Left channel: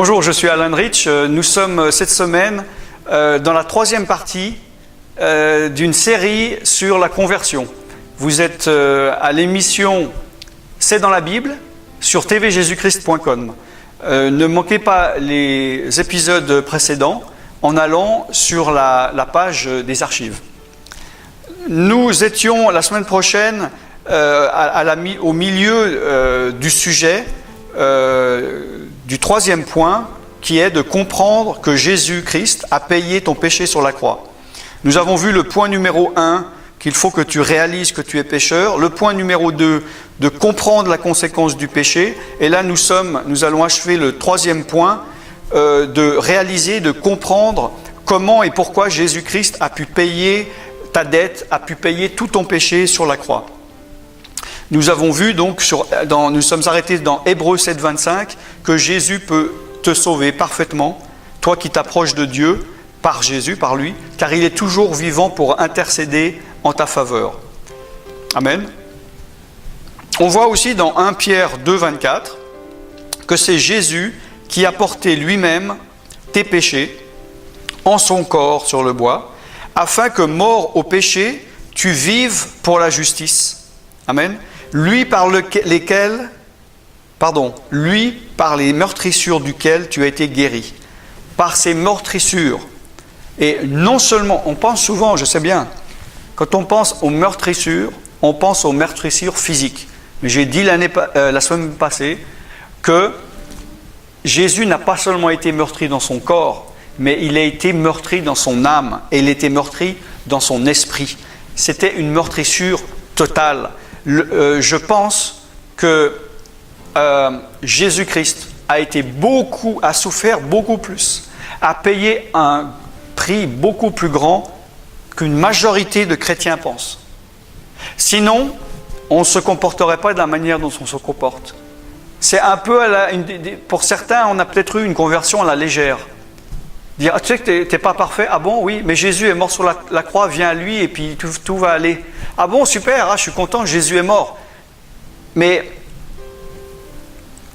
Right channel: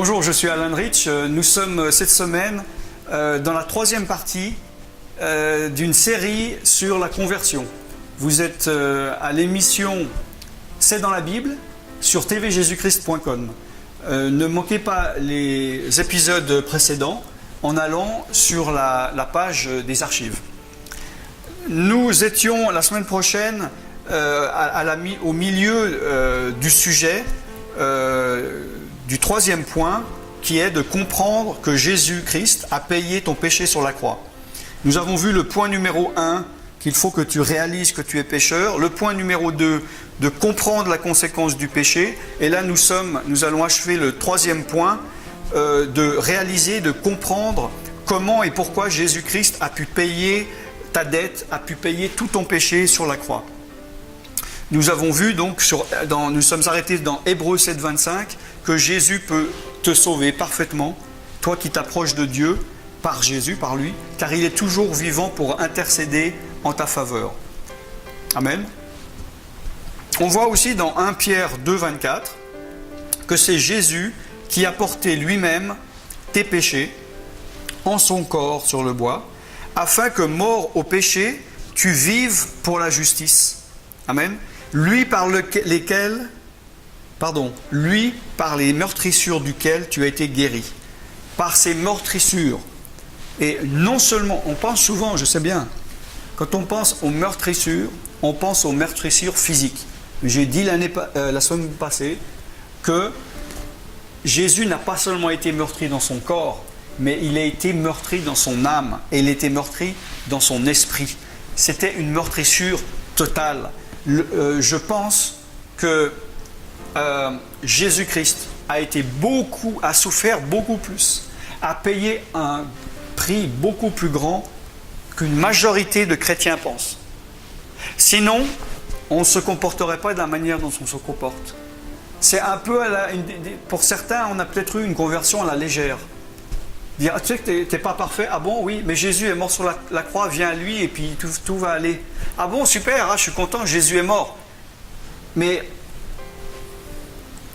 Bonjour, je suis Alan Rich. Nous sommes cette semaine dans la troisième partie d'une série sur la conversion. Vous êtes à l'émission C'est dans la Bible sur tvjesuchrist.com. Ne manquez pas les épisodes précédents en allant sur la page des archives. Nous étions la semaine prochaine au milieu du sujet du troisième point, qui est de comprendre que Jésus-Christ a payé ton péché sur la croix. Nous avons vu le point numéro 1, qu'il faut que tu réalises que tu es pécheur. Le point numéro 2, de comprendre la conséquence du péché. Et là, nous allons achever le troisième point, de réaliser, de comprendre comment et pourquoi Jésus-Christ a pu payer ta dette, a pu payer tout ton péché sur la croix. Nous avons vu donc, nous sommes arrêtés dans Hébreux 7, 25, que Jésus peut te sauver parfaitement, toi qui t'approches de Dieu, par Jésus, par lui, car il est toujours vivant pour intercéder en ta faveur. Amen. On voit aussi dans 1 Pierre 2, 24, que c'est Jésus qui a porté lui-même tes péchés en son corps sur le bois, afin que, mort au péché, tu vives pour la justice. Amen. Lui par les meurtrissures duquel tu as été guéri. Par ces meurtrissures. Et non seulement, on pense souvent, je sais bien, quand on pense aux meurtrissures, on pense aux meurtrissures physiques. Mais j'ai dit la semaine passée que Jésus n'a pas seulement été meurtri dans son corps, mais il a été meurtri dans son âme et il a été meurtri dans son esprit. C'était une meurtrissure totale. Je pense que Jésus-Christ a souffert beaucoup plus, a payé un prix beaucoup plus grand qu'une majorité de chrétiens pensent. Sinon, on ne se comporterait pas de la manière dont on se comporte. C'est un peu, pour certains, on a peut-être eu une conversion à la légère. Dire, tu sais que tu n'es pas parfait? Ah bon, oui, mais Jésus est mort sur la croix, viens à lui et puis tout va aller. Ah bon, super, je suis content, Jésus est mort. Mais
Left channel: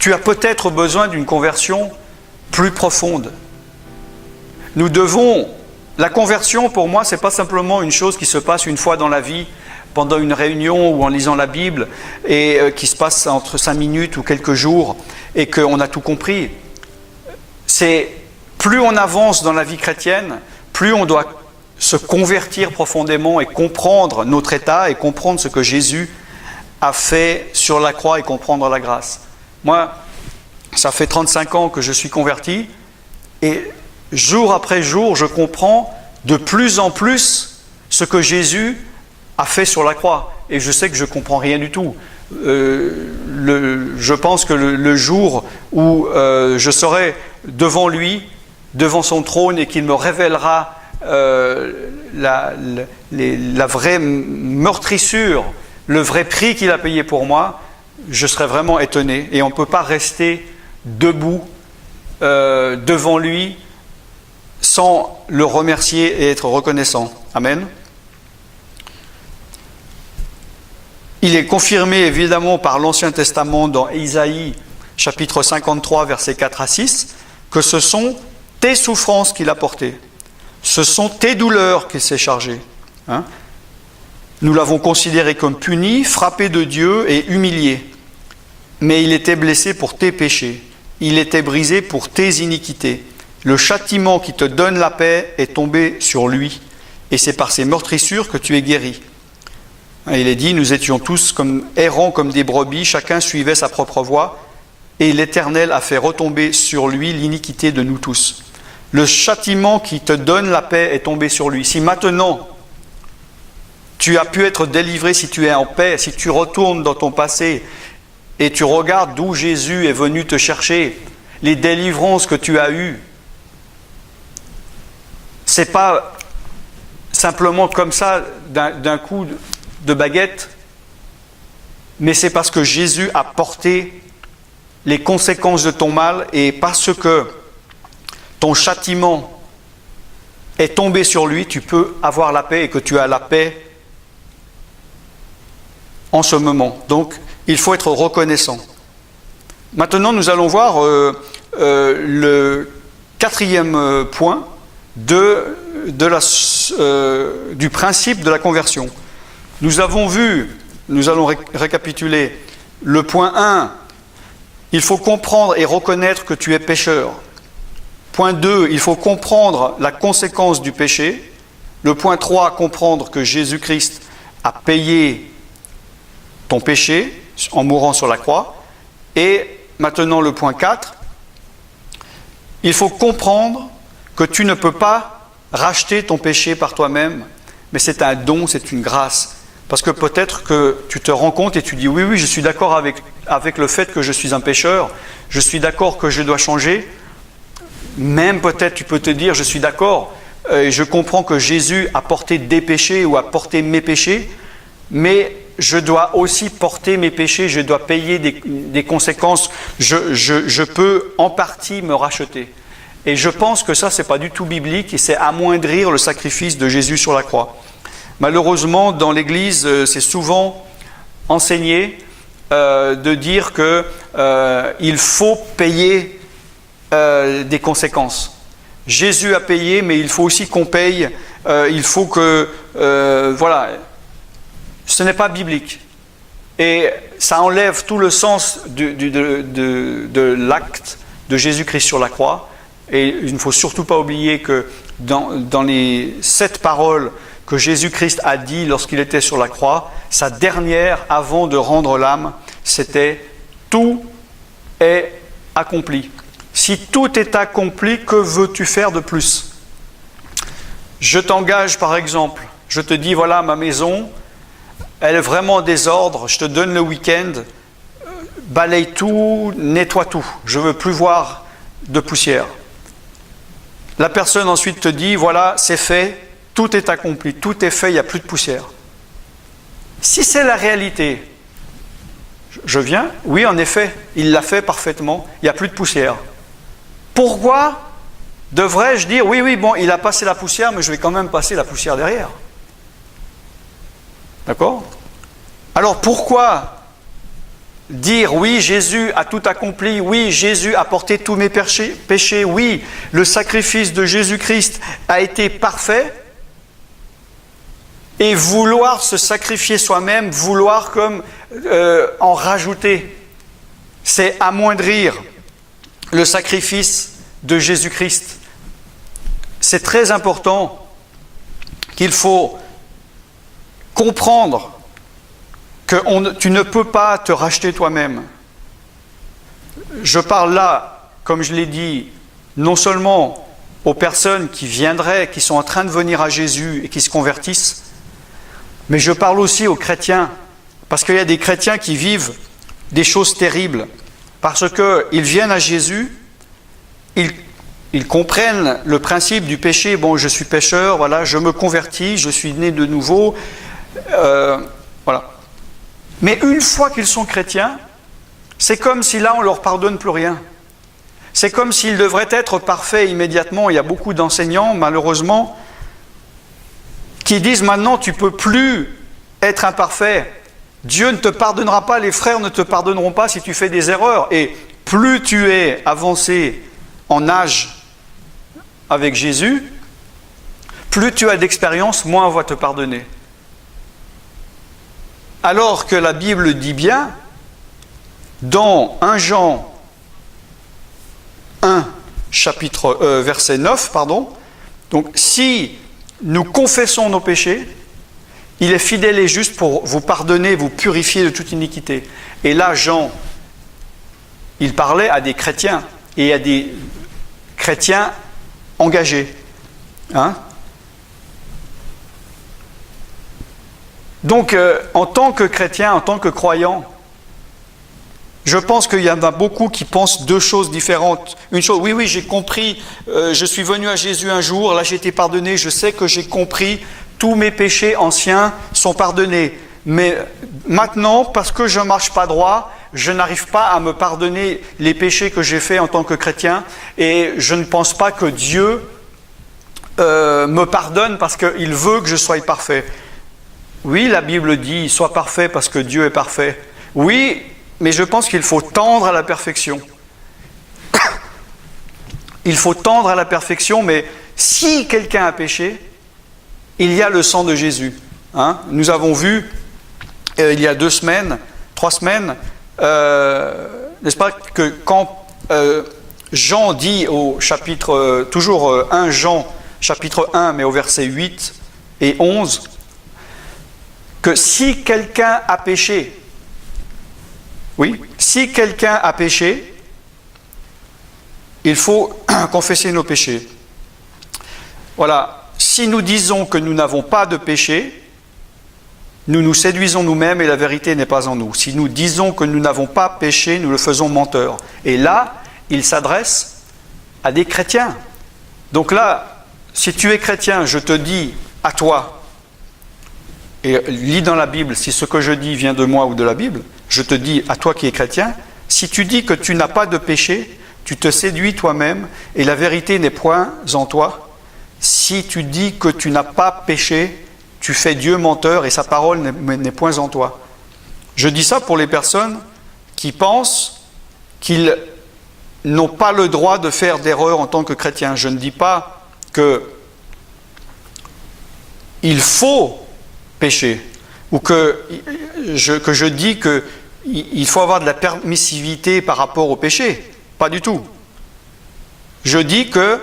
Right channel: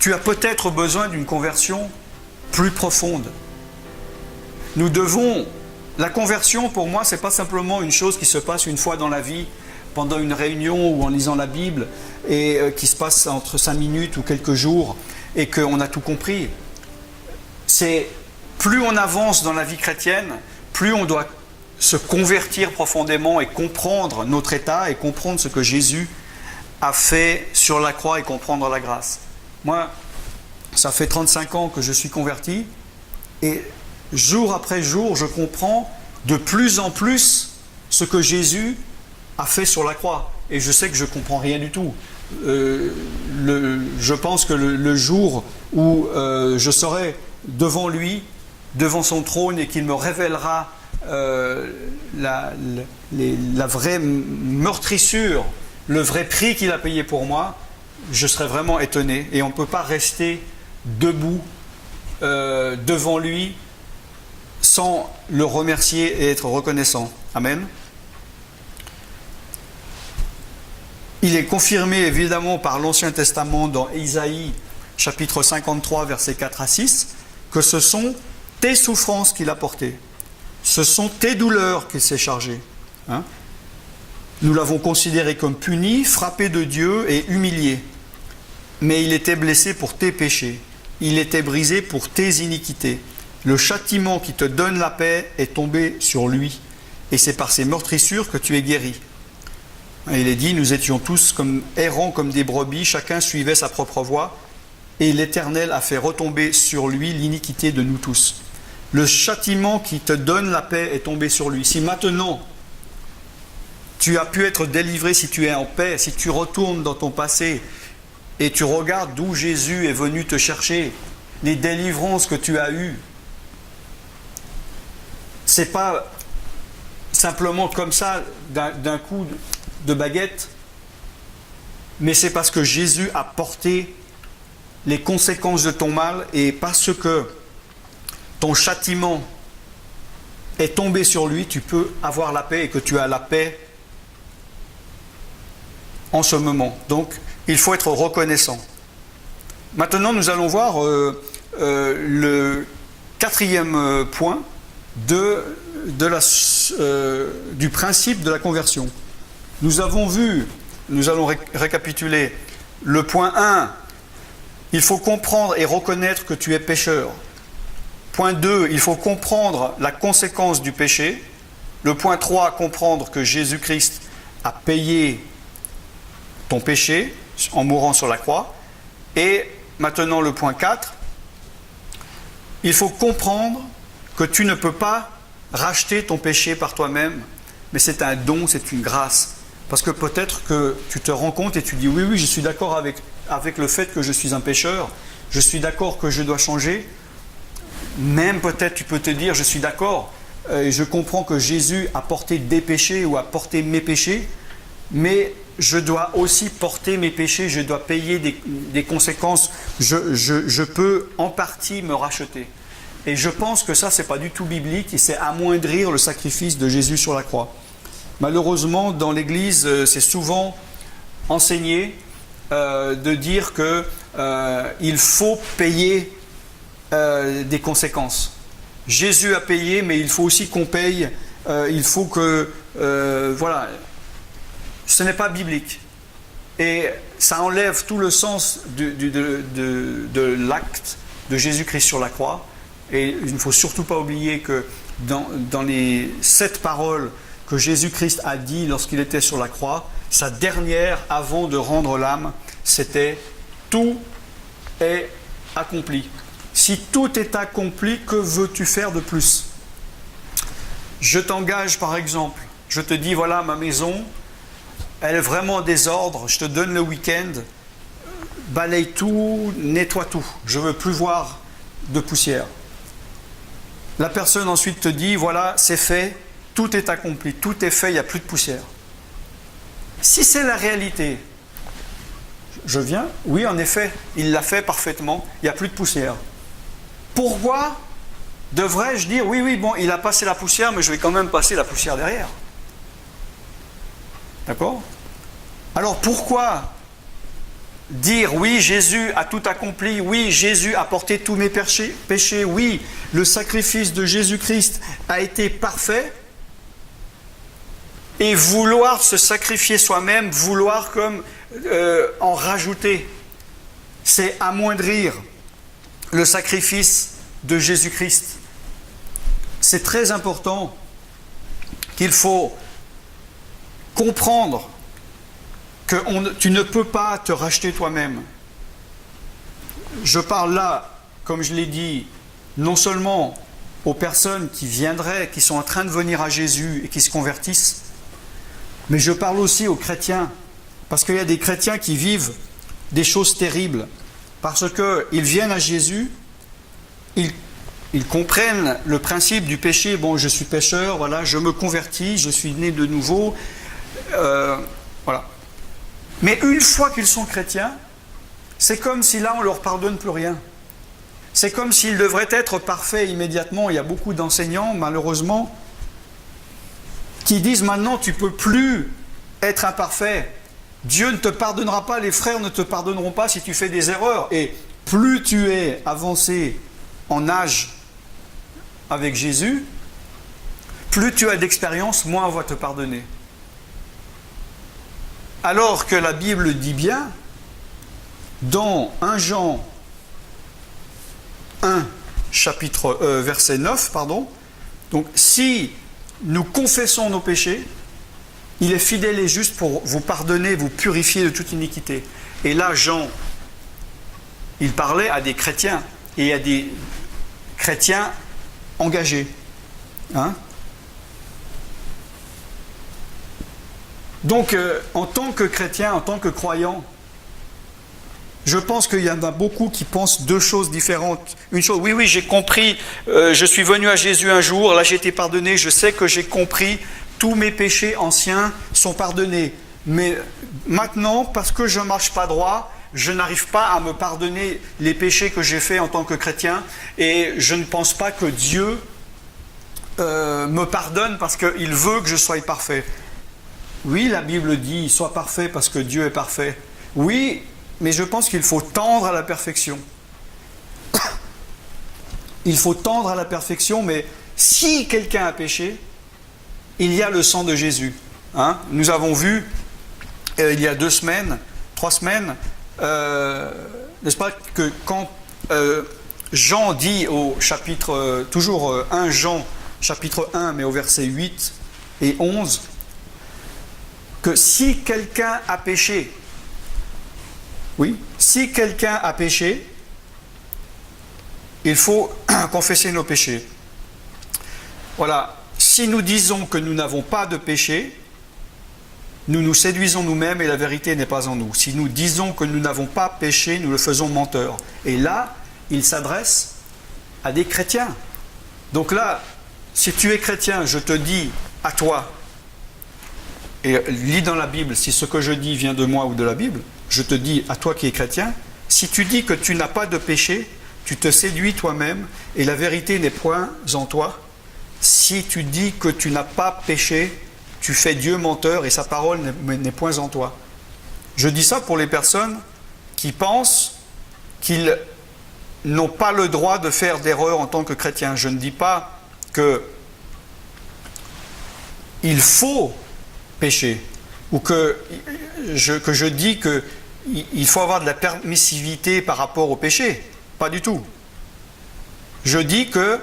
tu as peut-être besoin d'une conversion plus profonde. La conversion, pour moi, ce n'est pas simplement une chose qui se passe une fois dans la vie, pendant une réunion ou en lisant la Bible, et qui se passe entre 5 minutes ou quelques jours, et qu'on a tout compris. C'est plus on avance dans la vie chrétienne, plus on doit se convertir profondément et comprendre notre état et comprendre ce que Jésus a fait sur la croix et comprendre la grâce. Moi, ça fait 35 ans que je suis converti et jour après jour, je comprends de plus en plus ce que Jésus a fait sur la croix. Et je sais que je ne comprends rien du tout. Je pense que le jour où je serai devant lui, devant son trône et qu'il me révélera la vraie meurtrissure, le vrai prix qu'il a payé pour moi, je serai vraiment étonné. Et on ne peut pas rester debout devant lui sans le remercier et être reconnaissant. Amen. Il est confirmé évidemment par l'Ancien Testament dans Isaïe chapitre 53 versets 4 à 6 que ce sont tes souffrances qu'il a portées. Ce sont tes douleurs qu'il s'est chargé. Nous l'avons considéré comme puni, frappé de Dieu et humilié. Mais il était blessé pour tes péchés. Il était brisé pour tes iniquités. Le châtiment qui te donne la paix est tombé sur lui. Et c'est par ses meurtrissures que tu es guéri. Il est dit, nous étions tous errants comme des brebis, chacun suivait sa propre voie. Et l'Éternel a fait retomber sur lui l'iniquité de nous tous. Le châtiment qui te donne la paix est tombé sur lui. Si maintenant, tu as pu être délivré, si tu es en paix, si tu retournes dans ton passé et tu regardes d'où Jésus est venu te chercher, les délivrances que tu as eues, ce n'est pas simplement comme ça d'un coup de baguette, mais c'est parce que Jésus a porté les conséquences de ton mal et parce que ton châtiment est tombé sur lui, tu peux avoir la paix et que tu as la paix en ce moment. Donc, il faut être reconnaissant. Maintenant, nous allons voir le quatrième point du principe de la conversion. Nous avons vu, nous allons récapituler, le point 1, il faut comprendre et reconnaître que tu es pécheur. Point 2, il faut comprendre la conséquence du péché. Le point 3, comprendre que Jésus-Christ a payé ton péché en mourant sur la croix. Et maintenant le point 4, il faut comprendre que tu ne peux pas racheter ton péché par toi-même, mais c'est un don, c'est une grâce. Parce que peut-être que tu te rends compte et tu dis oui, je suis d'accord avec le fait que je suis un pécheur, je suis d'accord que je dois changer. Même peut-être tu peux te dire je suis d'accord, je comprends que Jésus a porté des péchés ou a porté mes péchés, mais je dois aussi porter mes péchés, je dois payer des conséquences, je peux en partie me racheter. Et je pense que ça, ce n'est pas du tout biblique et c'est amoindrir le sacrifice de Jésus sur la croix. Malheureusement, dans l'Église, c'est souvent enseigné de dire qu'il faut payer des conséquences. Jésus a payé, mais il faut aussi qu'on paye, il faut que... voilà, ce n'est pas biblique. Et ça enlève tout le sens de l'acte de Jésus-Christ sur la croix. Et il ne faut surtout pas oublier que dans les 7 paroles que Jésus-Christ a dit lorsqu'il était sur la croix, sa dernière, avant de rendre l'âme, c'était « Tout est accompli ». Si tout est accompli, que veux-tu faire de plus? Je t'engage par exemple, je te dis voilà ma maison, elle est vraiment en désordre, je te donne le week-end, balaye tout, nettoie tout, je ne veux plus voir de poussière. La personne ensuite te dit, voilà, c'est fait, tout est accompli, tout est fait, il n'y a plus de poussière. Si c'est la réalité, je viens, oui en effet, il l'a fait parfaitement, il n'y a plus de poussière. Pourquoi devrais-je dire, oui, bon, il a passé la poussière, mais je vais quand même passer la poussière derrière? D'accord? Alors pourquoi dire oui, Jésus a tout accompli, oui, Jésus a porté tous mes péchés, oui, le sacrifice de Jésus-Christ a été parfait, et vouloir se sacrifier soi-même, vouloir comme en rajouter, c'est amoindrir le sacrifice de Jésus-Christ. C'est très important qu'il faut comprendre que tu ne peux pas te racheter toi-même. Je parle là, comme je l'ai dit, non seulement aux personnes qui viendraient, qui sont en train de venir à Jésus et qui se convertissent, mais je parle aussi aux chrétiens, parce qu'il y a des chrétiens qui vivent des choses terribles, parce qu'ils viennent à Jésus, ils comprennent le principe du péché, bon, je suis pécheur, voilà, je me convertis, je suis né de nouveau, voilà. Mais une fois qu'ils sont chrétiens, c'est comme si là on ne leur pardonne plus rien. C'est comme s'ils devraient être parfaits immédiatement. Il y a beaucoup d'enseignants, malheureusement, qui disent maintenant tu ne peux plus être imparfait. Dieu ne te pardonnera pas, les frères ne te pardonneront pas si tu fais des erreurs. Et plus tu es avancé en âge avec Jésus, plus tu as d'expérience, moins on va te pardonner. Alors que la Bible dit bien, dans 1 Jean 1, verset 9, donc si nous confessons nos péchés, il est fidèle et juste pour vous pardonner, vous purifier de toute iniquité. Et là, Jean, il parlait à des chrétiens, et à des chrétiens engagés. Donc, en tant que chrétien, en tant que croyant, je pense qu'il y en a beaucoup qui pensent deux choses différentes. Une chose, oui, j'ai compris, je suis venu à Jésus un jour, là j'ai été pardonné, je sais que j'ai compris, tous mes péchés anciens sont pardonnés. Mais maintenant, parce que je ne marche pas droit, je n'arrive pas à me pardonner les péchés que j'ai faits en tant que chrétien, et je ne pense pas que Dieu me pardonne parce qu'il veut que je sois parfait. Oui, la Bible dit « Sois parfait parce que Dieu est parfait ». Oui, mais je pense qu'il faut tendre à la perfection. il faut tendre à la perfection, mais si quelqu'un a péché, il y a le sang de Jésus. Hein? Nous avons vu, il y a 3 semaines, n'est-ce pas, que quand Jean dit au chapitre, toujours 1 Jean, chapitre 1, mais au verset 8 et 11, que si quelqu'un a péché, oui, si quelqu'un a péché, il faut confesser nos péchés. Voilà, si nous disons que nous n'avons pas de péché, nous nous séduisons nous-mêmes et la vérité n'est pas en nous. Si nous disons que nous n'avons pas péché, nous le faisons menteur. Et là, il s'adresse à des chrétiens. Donc là, si tu es chrétien, je te dis à toi, et lis dans la Bible, si ce que je dis vient de moi ou de la Bible, je te dis à toi qui es chrétien, si tu dis que tu n'as pas de péché, tu te séduis toi-même et la vérité n'est point en toi. Si tu dis que tu n'as pas péché, tu fais Dieu menteur et sa parole n'est point en toi. Je dis ça pour les personnes qui pensent qu'ils n'ont pas le droit de faire d'erreur en tant que chrétiens. Je ne dis pas qu'il faut pécher ou que je dis qu'il faut avoir de la permissivité par rapport au péché. Pas du tout. Je dis que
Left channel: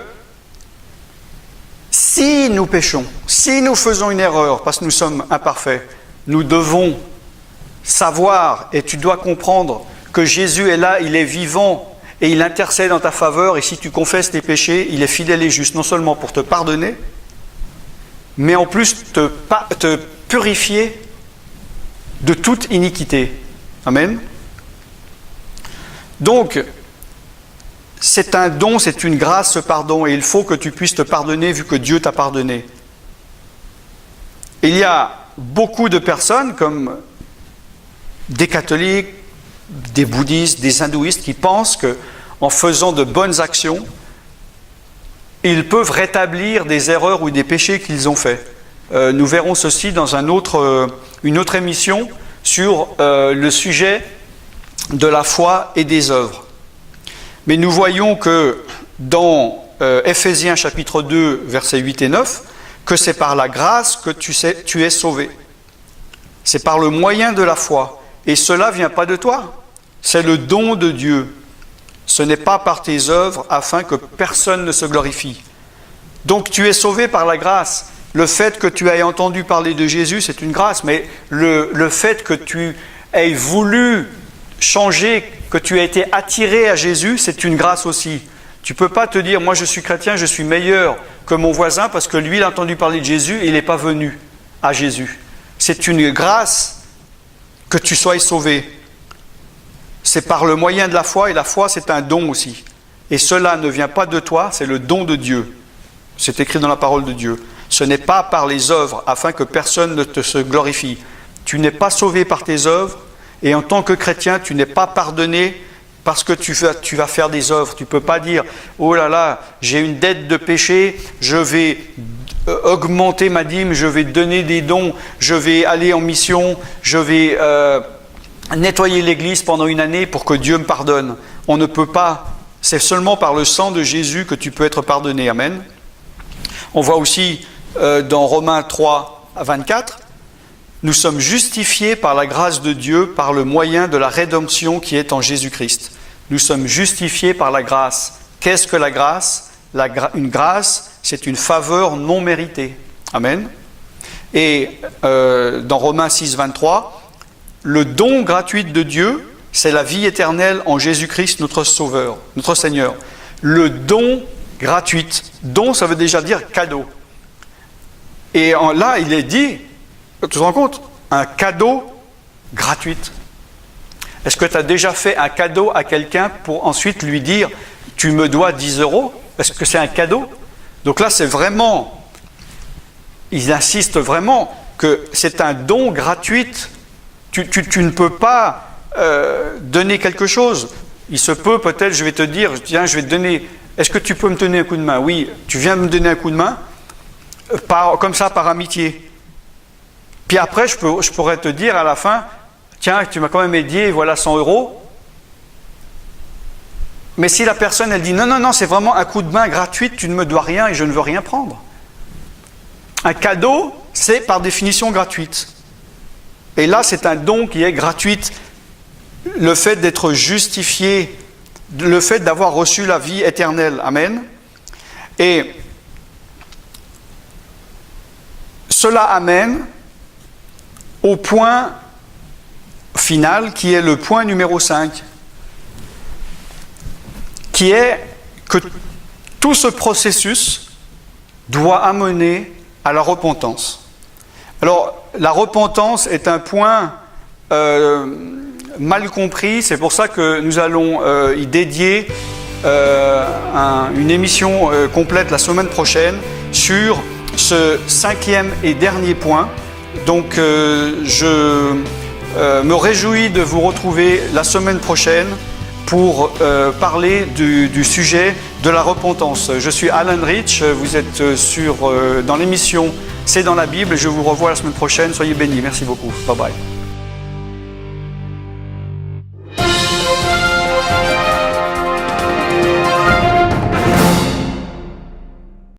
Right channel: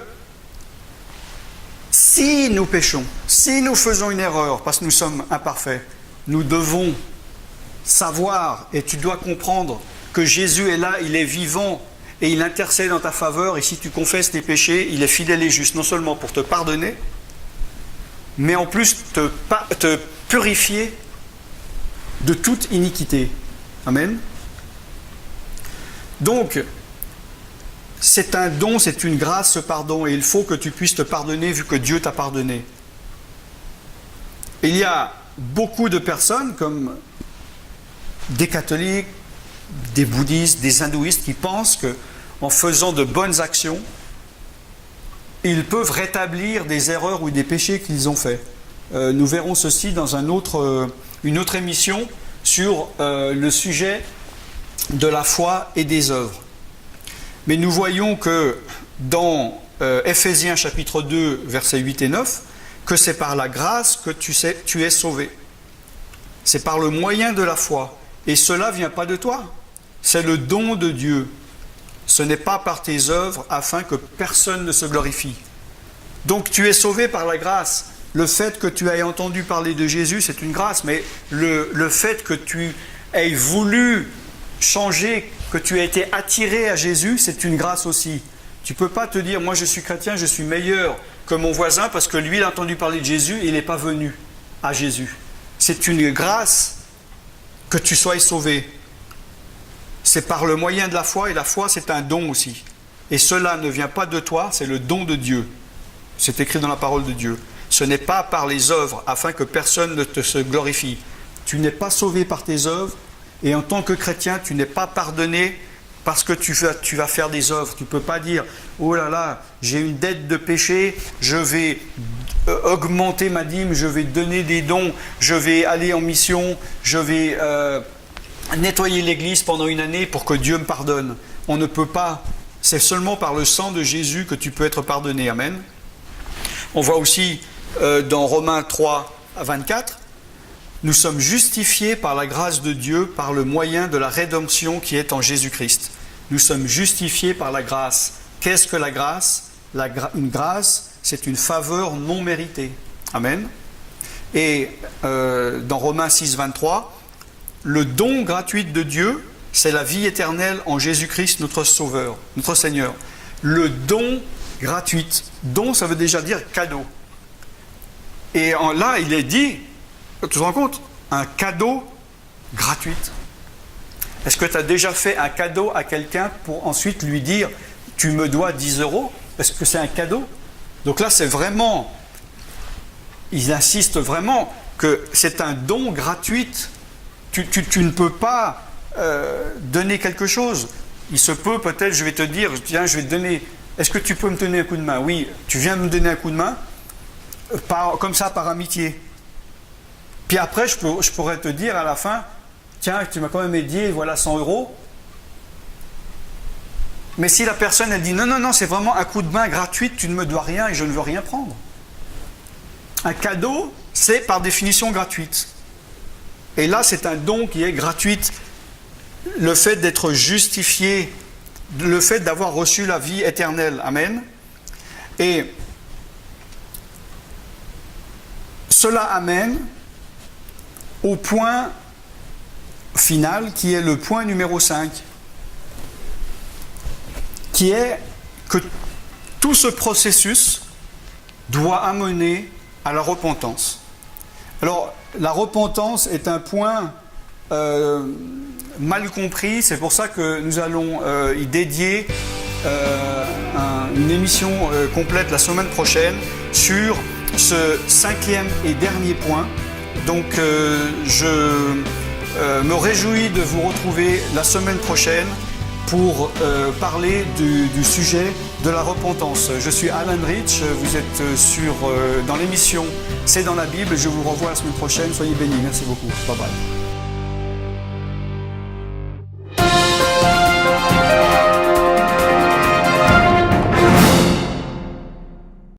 si nous péchons, si nous faisons une erreur, parce que nous sommes imparfaits, nous devons savoir, et tu dois comprendre, que Jésus est là, il est vivant, et il intercède en ta faveur, et si tu confesses tes péchés, il est fidèle et juste, non seulement pour te pardonner, mais en plus te purifier de toute iniquité. Amen. Donc, c'est un don, c'est une grâce, ce pardon, et il faut que tu puisses te pardonner vu que Dieu t'a pardonné. Il y a beaucoup de personnes, comme des catholiques, des bouddhistes, des hindouistes, qui pensent qu'en faisant de bonnes actions, ils peuvent rétablir des erreurs ou des péchés qu'ils ont faits. Nous verrons ceci dans une autre émission sur le sujet de la foi et des œuvres. Mais nous voyons que dans Ephésiens chapitre 2, versets 8 et 9, que c'est par la grâce que tu es sauvé. C'est par le moyen de la foi. Et cela ne vient pas de toi. C'est le don de Dieu. Ce n'est pas par tes œuvres afin que personne ne se glorifie. Donc tu es sauvé par la grâce. Le fait que tu aies entendu parler de Jésus, c'est une grâce. Mais le fait que tu aies voulu changer, que tu aies été attiré à Jésus, c'est une grâce aussi. Tu ne peux pas te dire, moi je suis chrétien, je suis meilleur que mon voisin parce que lui il a entendu parler de Jésus et il n'est pas venu à Jésus. C'est une grâce que tu sois sauvé. C'est par le moyen de la foi, et la foi c'est un don aussi. Et cela ne vient pas de toi, c'est le don de Dieu. C'est écrit dans la parole de Dieu. Ce n'est pas par les œuvres afin que personne ne te se glorifie. Tu n'es pas sauvé par tes œuvres. Et en tant que chrétien, tu n'es pas pardonné parce que tu vas faire des œuvres. Tu ne peux pas dire « Oh là là, j'ai une dette de péché, je vais augmenter ma dîme, je vais donner des dons, je vais aller en mission, je vais nettoyer l'église pendant une année pour que Dieu me pardonne. » On ne peut pas. C'est seulement par le sang de Jésus que tu peux être pardonné. Amen. On voit aussi dans Romains 3 à 24, nous sommes justifiés par la grâce de Dieu, par le moyen de la rédemption qui est en Jésus-Christ. Nous sommes justifiés par la grâce. Qu'est-ce que la grâce ? Une grâce, c'est une faveur non méritée. Amen. Et dans Romains 6, 23, le don gratuit de Dieu, c'est la vie éternelle en Jésus-Christ, notre Sauveur, notre Seigneur. Le don gratuit. Don, ça veut déjà dire cadeau. Et là, il est dit, tu te rends compte, un cadeau gratuit. Est-ce que tu as déjà fait un cadeau à quelqu'un pour ensuite lui dire « tu me dois 10 €? Est-ce que c'est un cadeau? Donc là, c'est vraiment, il insiste vraiment que c'est un don gratuit. Tu ne peux pas donner quelque chose. Il se peut peut-être, je vais te dire, tiens, je vais te donner, est-ce que tu peux me donner un coup de main? Oui, tu viens de me donner un coup de main, comme ça, par amitié. Puis après, je pourrais te dire à la fin, tiens, tu m'as quand même aidé, voilà 100 €. Mais si la personne, elle dit non, non, non, c'est vraiment un coup de main gratuit, tu ne me dois rien et je ne veux rien prendre. Un cadeau, c'est par définition gratuite. Et là, c'est un don qui est gratuit. Le fait d'être justifié, le fait d'avoir reçu la vie éternelle. Amen. Et cela amène au point final, qui est le point numéro 5, qui est que tout ce processus doit amener à la repentance. Alors, la repentance est un point mal compris, c'est pour ça que nous allons y dédier une émission complète la semaine prochaine sur ce 5e et dernier point. Donc je me réjouis de vous retrouver la semaine prochaine pour parler du sujet de la repentance. Je suis Alan Rich, vous êtes dans l'émission C'est dans la Bible et je vous revois la semaine prochaine. Soyez bénis, merci beaucoup. Bye bye.